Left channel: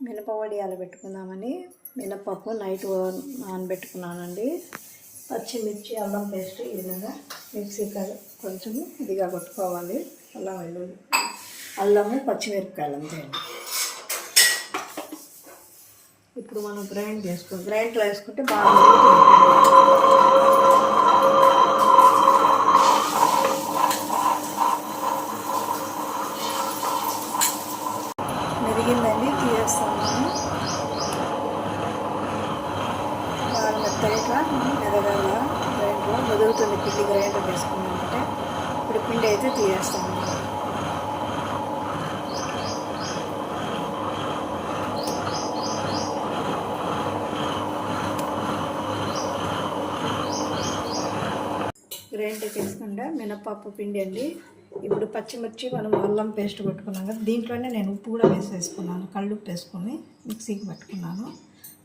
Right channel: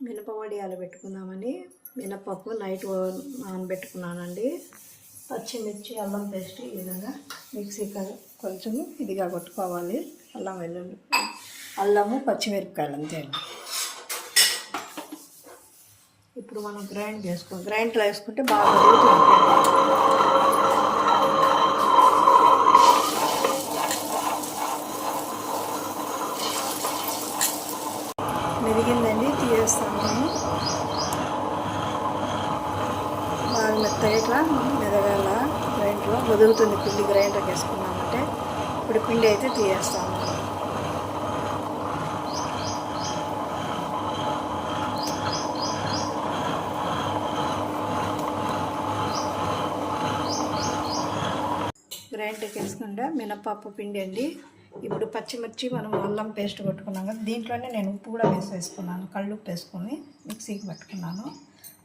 మినప వడియాలు పెట్టుకుందామని మినపప్పు నైట్ నానబెట్టుకున్నానండి. పచ్చిమిర్చి అల్లం పేస్ట్ ఈ విధంగా మిక్సీ కొంచెం ఇదిగా కొట్టుకోవాలి. అల్లం వెల్లుల్లి అల్లము పచ్చిమిరపకాయలు అంతే అండి. ఇప్పుడు మనం గ్రైండ్లో వేసుకుంటే బాగా మెరిగిందండి. తీసేస్తాను నేను. బాగా మెత్తగా మెరగాల గ్రైండ్లో వదులుతుంది. పిండి గ్రైండర్ వేసుకున్నామంటే ఇప్పుడు పిండి అయితే తీసేస్తాము. గ్రైండర్కి వేసుకుంటే మినపప్పు పిండి అండి. ఇప్పుడు పచ్చిమిర్చి మనం అల్లం పేస్ట్ కొట్టుకున్నాం కదా, దీంట్లోనే నేను ఉప్పు కూడా వేసుకున్నాను. కళ్ళుప్పు వేసుకొని మిక్సీకి పట్టుకున్నాను.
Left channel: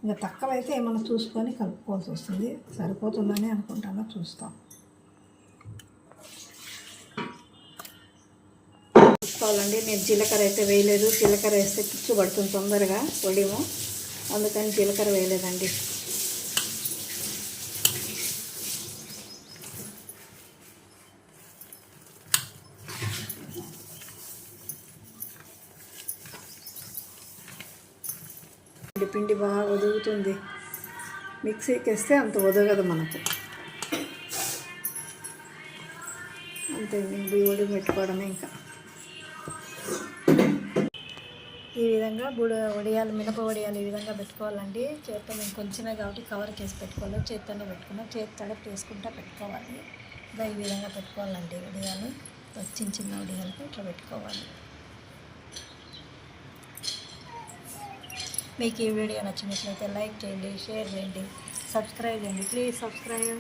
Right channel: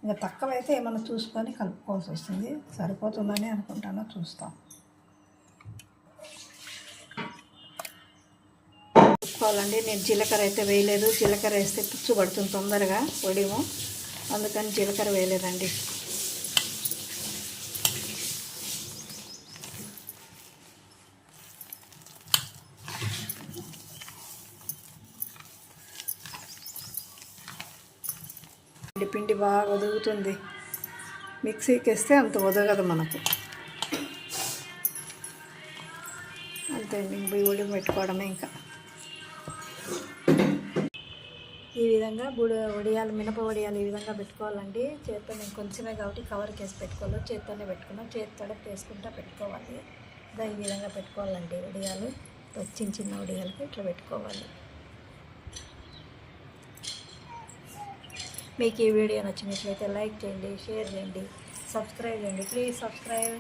ఇంకా తక్కువైతే ఏమైనా చూసుకొని కలుపుకోవాల్సి వస్తుంది. సరిపోతుందని అనుకుంటాను, చూస్తాం. చూసుకోవాలండి. నేను జీలకర్ర అయితే వేయలేదు. జీలకర్ర వేస్తే పుచ్చు పడుతుంది తొందరగా పొడిము, అందుకని జీలకర్ర వేయలేదండి. పిండి బాగా ఒదుగుతుంది. మిక్సీకి వేస్తే అంత ఒదగదు మనకు. అంతే, బియ్యం పెట్టుకోవడమే. ఇంకా ఈ విధంగా వడియాలు మినప వడియాలు ఈ విధంగా పెట్టుకోవాలండి. చేత్తో నేను కొంచెమే కాబట్టి కవర్కి వేసి పెట్టుకోవాలి. చేత్తోనే పెట్టుకున్నాను. చేతితో వేసుకుంటా పెట్టుకోవాలి. ఈ విధంగా పెట్టుకోవాలండి. వడియాలు చిన్న చిన్న వడియాలకు ఇట్లా పెట్టుకోవాలి. మీకు ఈ వీడియో నచ్చినట్లయితే లైక్ చేయండి, షేర్ చేయండి, సబ్స్క్రైబ్ చేయండి. Please subscribe.